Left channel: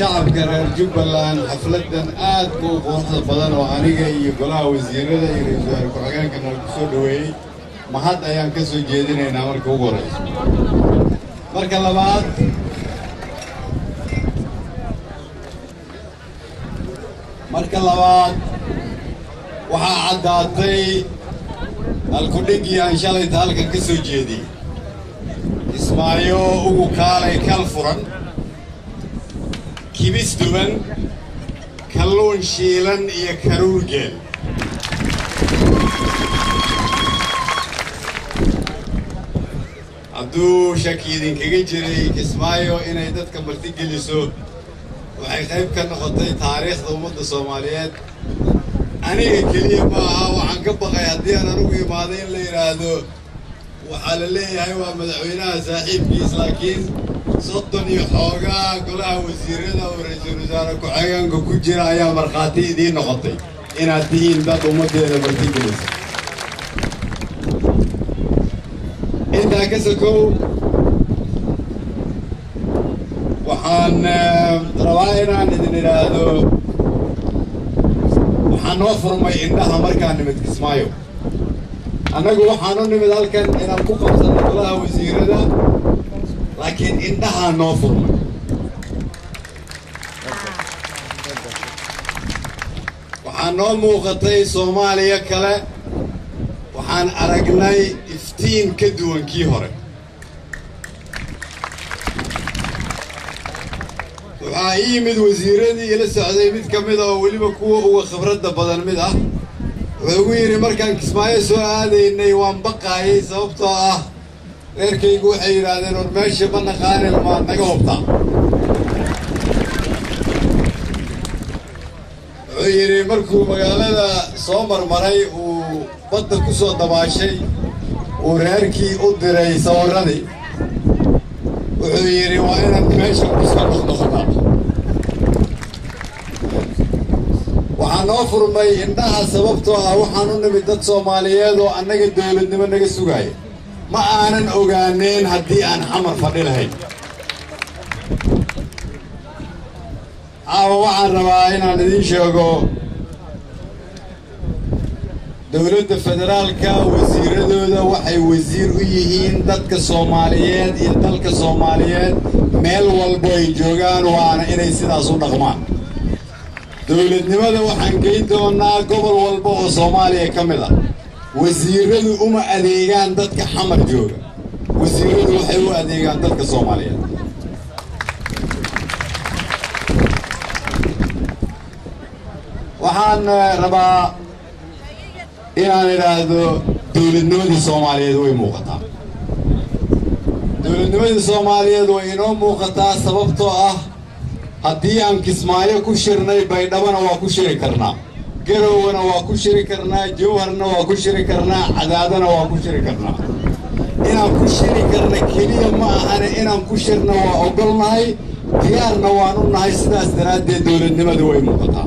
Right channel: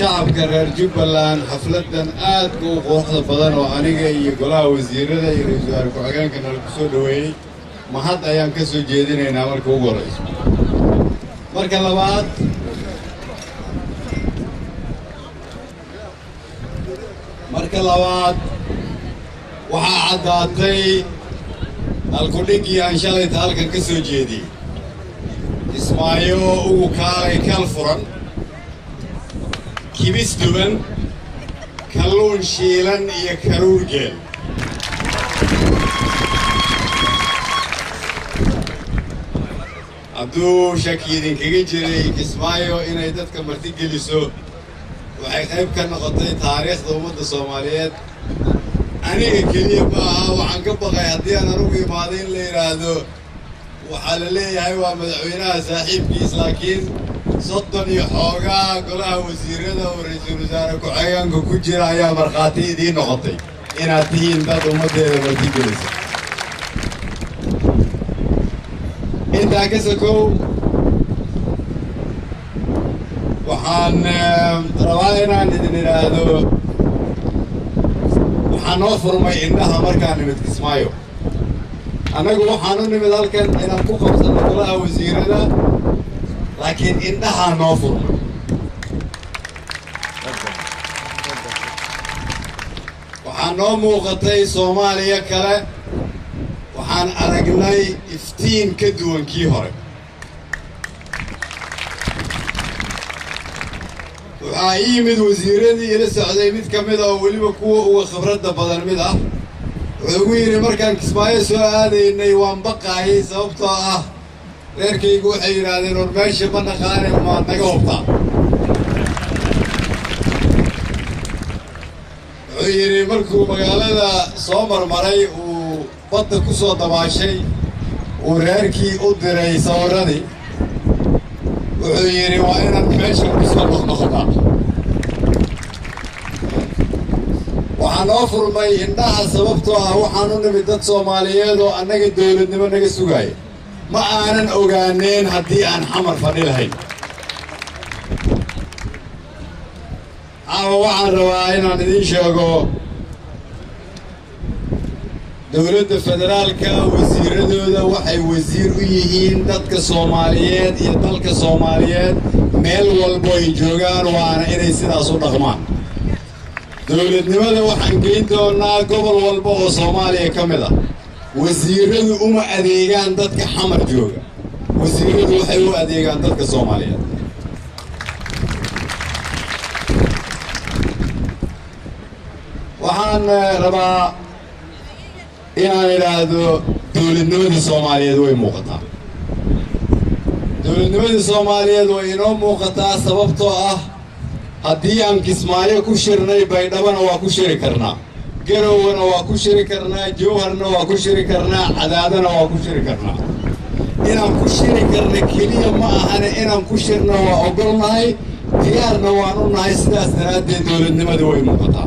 شعب كرر جبلان حفلة آد وقوة بدن وأنيجا يقولها وزيرة يرجع كوعين كنا نقصدوه ما حد أيام كسر جديد نعمل كوغوريس مركل بعد مركل بعد وحعداتي الكوليجيا إن شاء الله يتعلق كسر جديد اسمايو وكالي كالفرن كيبس دوبن كلون شيلن يا كروجل عبدو شاكيدين كيجري اسمايو إن يدتك مرتي جلسوا وحيخيب كان غطي تاريخ ضمن الصوماليات أنا كلية معها وعن قبل غيادي أنا روحي ماضين اللي يرادو وحال لي هاي مدعوينها صاحب كيس لكن صدني حوغا كلها وزيرنا ورئيس الوزراء كعيان كوجرا يا مرخاتي دي نقطي إن تين بعد مدة مرتي أنت كسكو وحن رواينا ندين هذا وحن وفر ما عندها مركان متكسمايو أنا أقول حنون من ذلك إن الكوكب سنقولها وزيرنا لكن عندها نوفر ما وحنو موقتي صوماليا كلا وحن أرجناي إفتين كدوان كيهرب وعايمد وزيرني إلى السعودية ميت كمدا واللي بكوا هو خبرته بدل مدا ويري مركان كسماية سؤال إنه يوان بقى هي سببته غير كي يقول حيران ورماشي بنا خانق ما نجوبته ويري مركو مقالة صومر مري وبطل كسو دباشي ورهركي أدري صورني ويري وأنا ماشي وكسو نخنخنا waxaan oo furmay indhaha sababtoo ah waxaan u nimid dad Soomaaliyeed oo annaga dawladnimo naga sugay ma aanan ogaaneen haddii aan xamar fadhi lahayn waxaan rabaa inaan idin sheego dawladda federaalka wasiiradooda waxay wasiir u yihiin dadka Soomaaliyeed iyo dalka Soomaaliyeed meel walba ay joogaan waana inay sidaas u dhaqmaan dawladnimada waxaan geyn doonaa gobol walba oo Soomaaliya ka mid ah wasiiradu uma adeegaan dadka xamar jooga wasiiradu waxay u adeegaan dadka Soomaaliyeed waxaan rabaa inaan iraahdo dawladnimadii Soomaaliyeed way muuqataa dawladnimadii Soomaaliyeed way inoo muuqataa sababtoo ah haddii aan Kismaayo ku shirnay Baydhabana waa ku shiri karnaa Garowana waa ku shiri karnaa Jowharna waa ku shiri karnaa Cadaadana waa ku shiri karnaa inaan ku shiri karna keliya ma ahane inaan ku shirno waa ogolnahay diyaarna waan u nahay sidaas daraaddeed dawladnimadu way muuqataa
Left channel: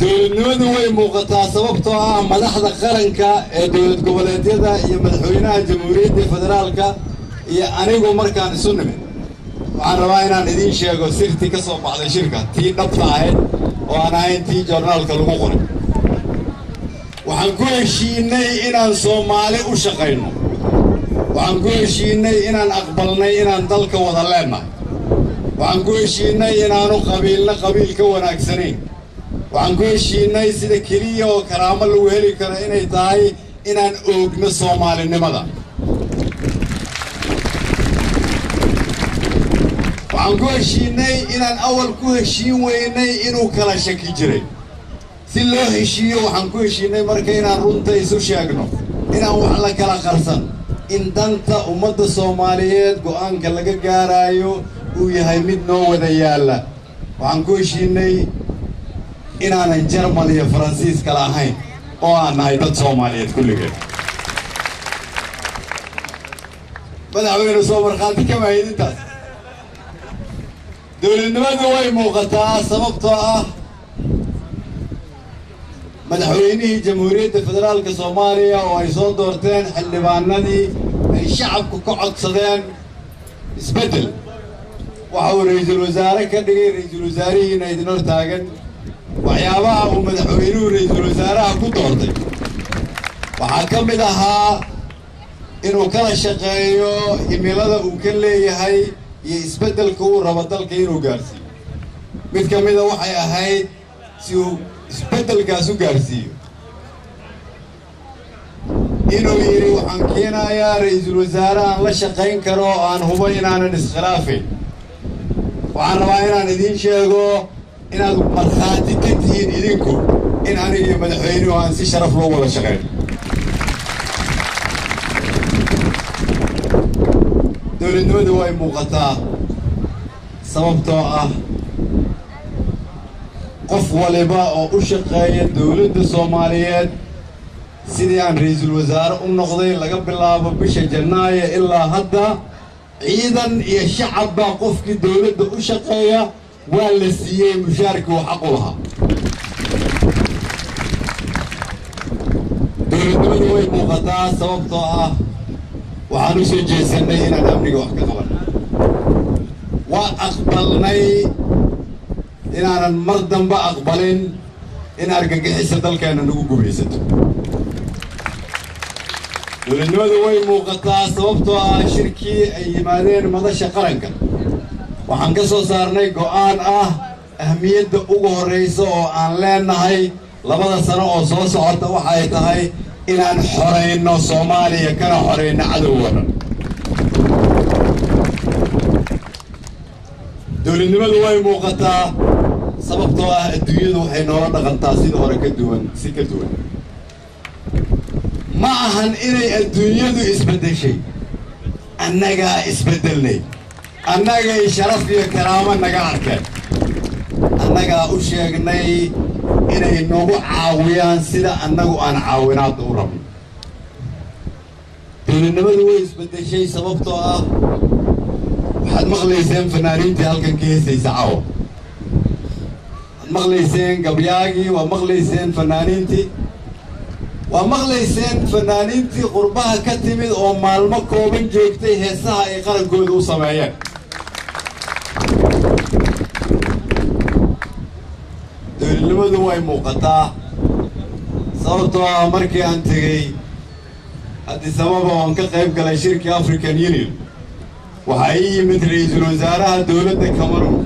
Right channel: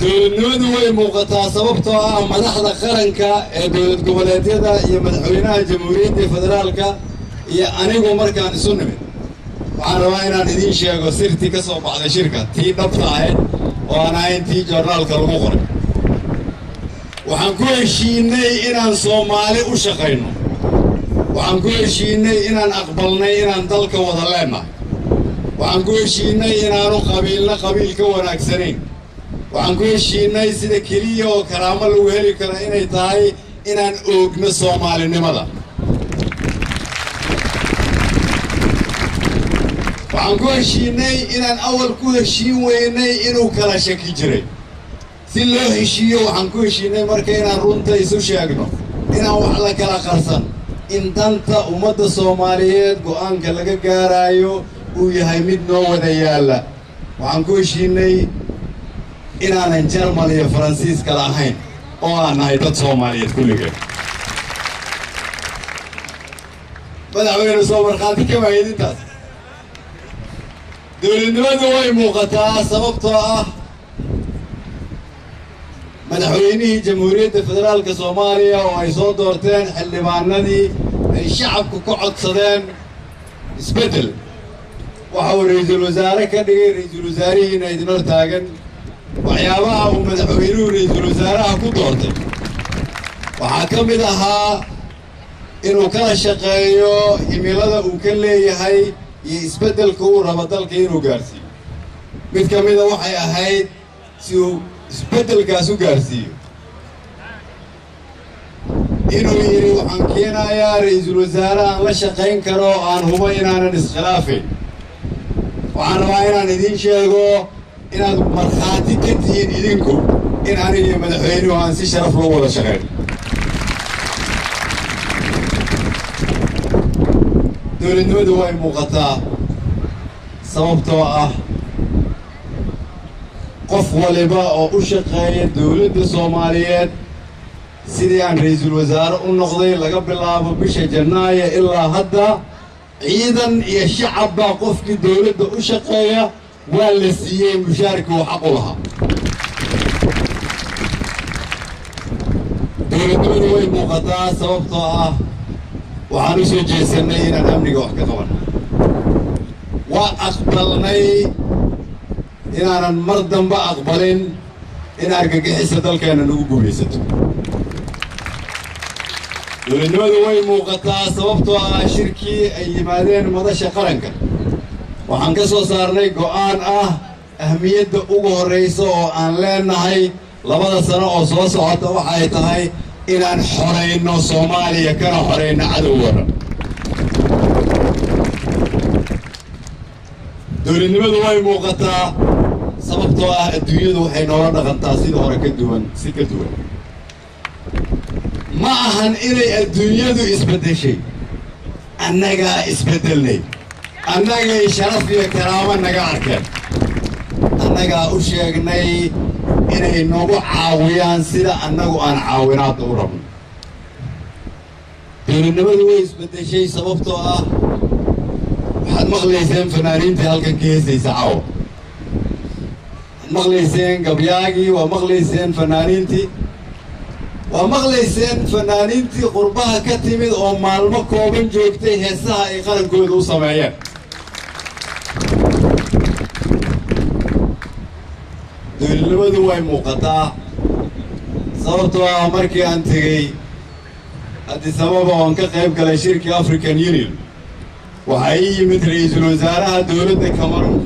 dawladnimadu way muuqataa sababtoo ah madaxda qaranka ee dawlad goboleedyada iyo madaxweynaha jamhuuriyadda federaalka iyo anigu markaan isu nimid waxaan rabaa inaan idin sheego sirtii ka soo baxday shirka tii dhabta ahayd oo aan ahayn tii joornaalka lagu qoray waxaan ku heshiinay inaan Soomaali u shaqayno waxaan ku heshiinay inaan aqbalnay inaan dalka wada leenahay waxaan ku heshiinay inaanu qabiilna qabiil ka wanaagsanayn waxaan ku heshiinay sida keliya oo karaamo lagu heli karo inay tahay inaan oogno Soomaalinimada waxaan ku heshiinay inaan awal ku heshiin weynay inuu kala shaki jiray si loo heshiiyo waxaan ku heshiinay marka inaan runta isu sheegno inaan wax la kala qarsan in danta ummadda Soomaaliyeed go'aanka laga gaarayo uu yahay mid noo wada yaala waxaan ku heshiinay inaanan Jarmal iyo Faransiis kala ahayn oo aan nahay dad Soomaaliyeed kulligeed madaxweyne soo markhaati kama hayintaas dawladnimadu way muuqataa sababtoo ah madaxweynihii jamhuuriyadda federaalka Soomaaliya oo ay soo doorteen xildhibaanadii ay shacabku ka codsadeen isbedel وحاول رئيس الوزراء كدغي رئيس الوزراء إنه يدنر تاجن وحيابها ومدحوينه رئيس الوزراء كدورتي وحكم لها إنه كان شقيو يميلada uu ka leeyahay iyo isbedelka uu rabo dalka inuu gaarsiiyo mid kamida waxay ahayd si uu isbedelkaas u gaarsiiyo inuu yiri waxaan keenayaa ra'iisul wasaaraha aan la shaqayn karo aan hubo inaanan iskhilaafin waxaan rabaa inaan idin sheego inaad markhaati ka tihiin idinku in aniga iyo madaxweynuhu aan si sharaf loo wada shaqeyn dowladnimadu way muuqataa sababtoo ah qof waliba oo u shaqeeya dowladda Soomaaliyeed sidii aan ra'iisul wasaare u noqday laga bilaabo bisha Janaayo ilaa hadda ciidan iyo shacab qofkii dowladda u shaqeeya waa la siiyay mushaarka oo xaq u lahaa dowladnimadu way muuqataa sababtoo ah waxaan u soo jeesanay inaan amniga wax ka qabanno waa aqbalnay inaanan mar dambe aqbalin in argagixisa dalkeena nagu gumaysato dowladnimadu way muuqataa sababtoo ah shirkii ay yimaadeen madasha qaranka waxaan ka soo saarnay go'aan ah ahmiyadda ugu horeysa oo aan leenahay 2 sano oo soo socota waxay tahay inaan xoreyno Soomaaliya kana xoreyno cadowga dowladnimadu way muuqataa sababtoo ah adduunyadu waxay noola dhaqantaa sida hore ka duwan ma ahan inay adduunyadu isbedeshay annaga isbedelnay annaga sharaf iyo karaamo naga arkeen annaga u sheegnay inay nagu caawiyaan sida annagu aan caawinaad u rabno dowladnimadu way isbedeshay sababtoo ah waxaad maqlayseen fanaaniintii halkan ka heesaysa caawa maqlayseen gabyaagii waa maqlayseen fanaaniintii waa maqlayseen fanaaniintii qurbaha ka timid oo maalmo kooban joogtay heesaha ay qarankooda u sameeyeen dowladnimadu way muuqataa sababtoo ah markii aan tegey Addis Ababa oo ka qayb galay shirkii African Union waxa ay yimid ra'iisul wasaaraha dowladda Cameroon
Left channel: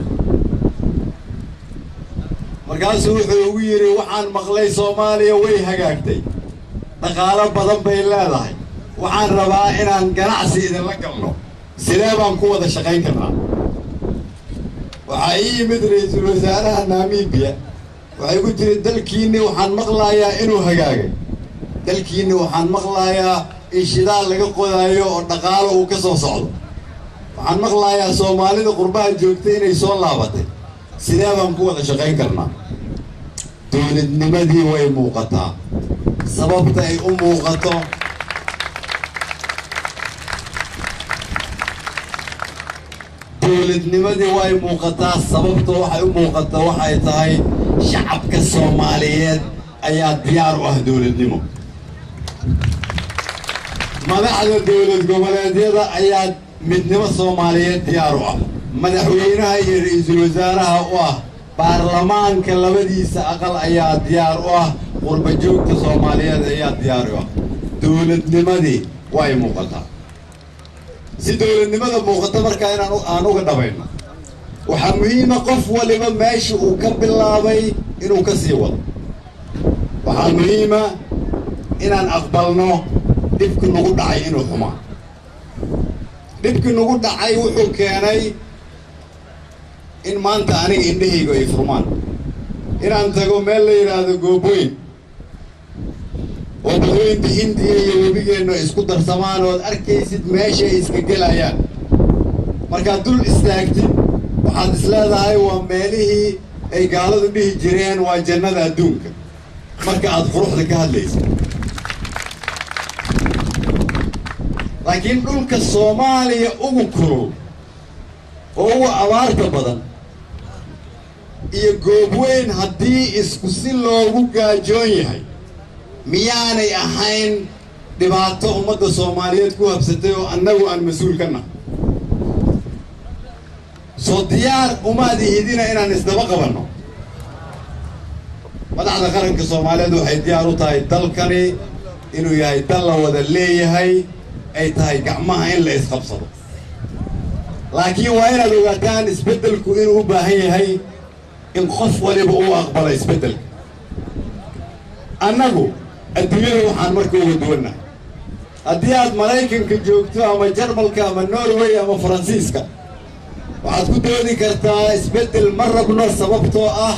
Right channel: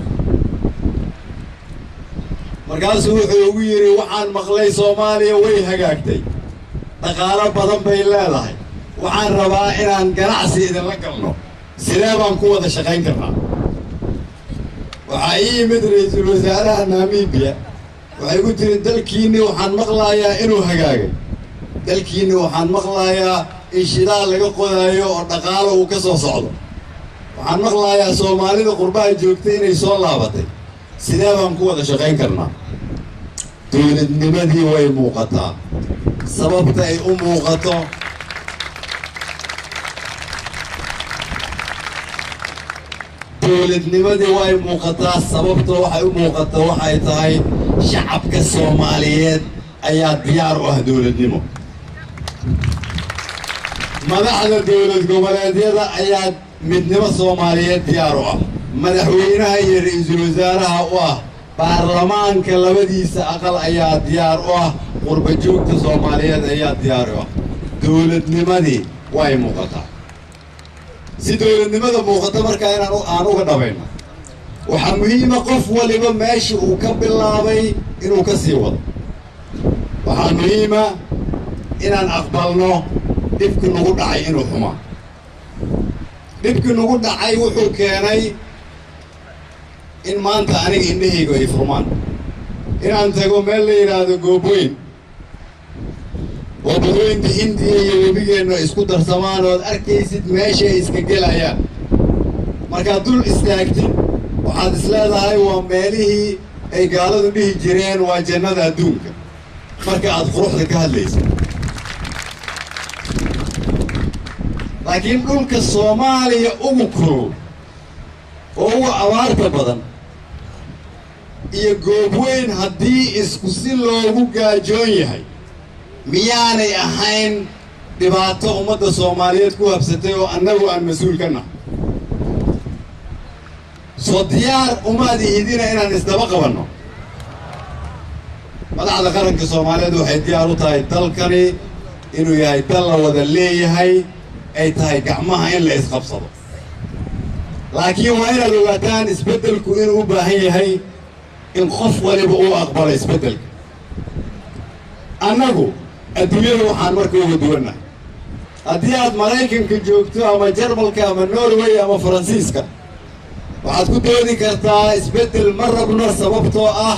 markaasuu wuxuu ugu yiri waxaan maqlay Soomaaliya way hagaagtay dhaqaale badan bay leedahay waxaan rabaa inaan ganacsi idin la galno sidee baan ku wada shaqayn karnaa waxa ay yimid ra'iisul wasaaraha Namibia waxay ku tiri dalkiina waxaan maqlayaa inuu hagaagay dalkiina waxaan maqlayaa in shidaal laga qodayo oo dhaqaale uu ka soo socdo waxaan maqlayaa Soomaalida qurbaha joogtay inay soo laabatay sidee baan ku wada shaqayn karnaa dowladnimadii way muuqataa sababta ay u muuqato dowladnimadii way muuqataa sababta waxay u muuqataa waxay tahay shacabka Soomaaliyeed ayaa diyaar u ah dowladnimo madaxda dowlad goboleedyada ayaa midnimo Soomaaliyeed diyaar u ah madaxweynaha iyo ra'iisul wasaaraha u ah baarlamaanka labadiisa aqal ayaa diyaar u ah qurba joogta Soomaaliyeed ayaa diyaar u ah dowladnimadii way muuqataa si dowladnimada muuqata marka aan uga dhabayno waxa muhiim ah qof waliba meesha uu ka bilaabay inuu ka sii wado waxa muhiim ah inaan aqbalno dibku nagu dhacay inuu xumaa dibku nagu dhacay wuxuu keenay in maanta aniga indhahayga ay furmaan inaan tago meel la yiraahdo Gooboyn oo badweynta Hindiya iyo webigeena isku darsamaan oo arkaysid meesha ay iska gelayaan marka dul istaagtid waxaad isleedahay waa meelihii ay gaaladu dhihi jireen waa jannada adduunka marka aad quruxda ka hadlaysid laakiin dhulka Soomaaliya ugu kulul oo ugu abaarta badan iyo Gooboyn haddii isku si loogu gaajoon yahay miyaanay ahayn dhibaato ummadda Soomaaliyeed ku habsatay oo annagu aan mas'uul ka nahay soo diyaar uma adihidina inaan isdaba qabanno madaxda qaranka Soomaaliyeed waxay diyaar u tahay dalkani inuu yahay dal la wada leeyahay ay tahay gacmaha in la isqabsado laakiin waa inaad ogaataan isbeddelku inuu u baahan yahay in qof waliba uu aqbalo isbeddelka annagu adduunyada waxaan marka uga duwannahay haddii aad Maraykanka joogto ama Jarmalka ama Norway ama Faransiiska waxaad ku doodi kartaa isbeddel ma rabno sababtoo ah